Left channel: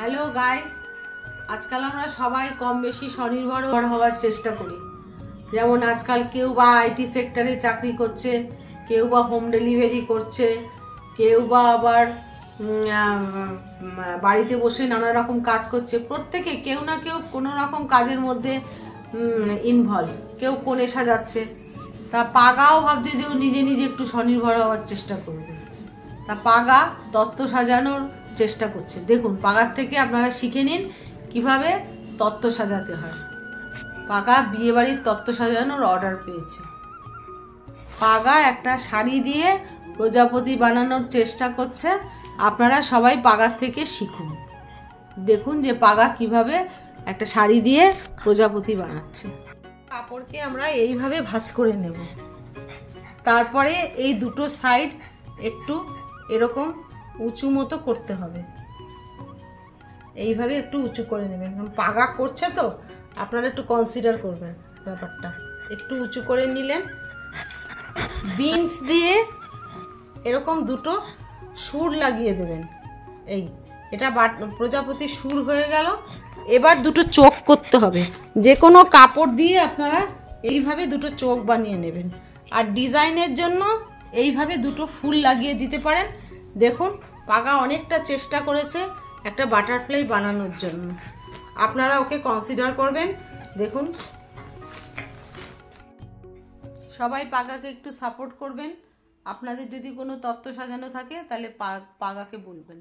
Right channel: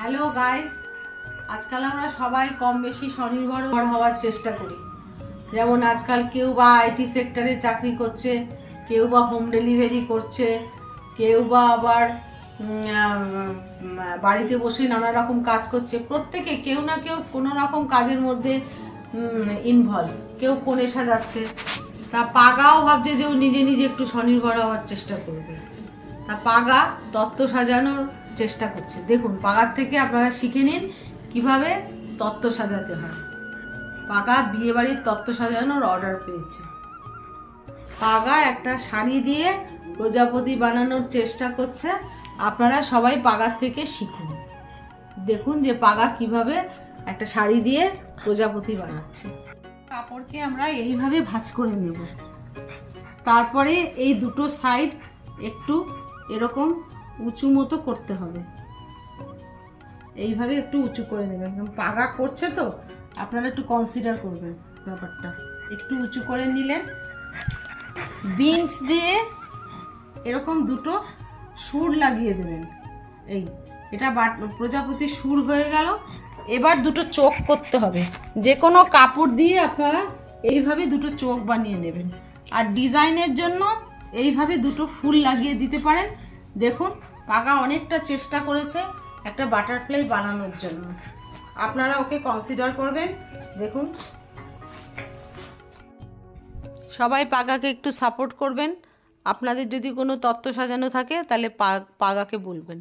Hello guys, আজকাল আমরা সবাই কম বেশি স্বনির্ভর হওয়ার চেষ্টা করি। যেমন আজকাল কেউ বা আইটি সেক্টরে চাকরি করছে, কেউ বা হোম ডেলিভারি করছে, কেউ বা আবার বাড়িতে বসে নানা রকম কাজ করছে। প্রত্যেকে কেউ না কেউ কোনো রকম কাজের মধ্যে ইনভলভ। কেউ কোণে সাজাচ্ছে, তা পাগাও ভাবছে যে ও নিজে নিজে একটু স্বনির্ভর হওয়ার চেষ্টা করবে। তা পাগা তত্ত্ব সাজানোর চেষ্টা করছে। দেখুন, পাগার থেকে আপনারা শিখে নিন কিভাবে তত্ত্ব সাজাতে হয়। পাগা বিয়েবাড়ির তত্ত্ব সাজানোর অর্ডার পেয়েছে। পাগা একটা শাড়ি দিয়ে প্রজাপতি বানানোর চেষ্টা করছে। আপনারা সবাই পাগার থেকে শিখুন। দেখুন যে পাগা কিভাবে একটা শাড়ি দিয়ে প্রজাপতি বানাচ্ছে। কাপড়কে আমরা এইভাবে ভাঁজ করে নেব। তারপরে এই দুটো সাইড একটু এরকম উঁচু মতো করতে হবে। এইভাবে একটু উঁচু করে নেবেন। পাগা করছে তো আপনারা একটু কনসিডার করবেন ব্যাপারটা। একটু উঁচু করে নিলেন। বিনস দিয়ে এরকম দুটো সুর লাগিয়ে দেবেন। এটা প্রজাপতি সুর হয়ে গেল। এবার দুটো চোখ করতে হবে। যে কোনো কাপড় দিয়ে আপনারা এইভাবে দুটো চোখ বানিয়ে নেবেন। আর ডিজাইনের জন্য এইভাবে দুটো ফুল লাগিয়ে দিতে পারেন। দেখুন, পাগা অনেকটা চেষ্টা করেছে একটা বাটারফ্লাই বানানোর জন্য। আপনারা ওকে কনসিডার করবেন। দেখুন, সবাই পাগাকে একটু সাপোর্ট করবেন। আপনাদের যদি কোনো তত্ত্ব সাজানো থাকে তাহলে পাগাকে বলবেন।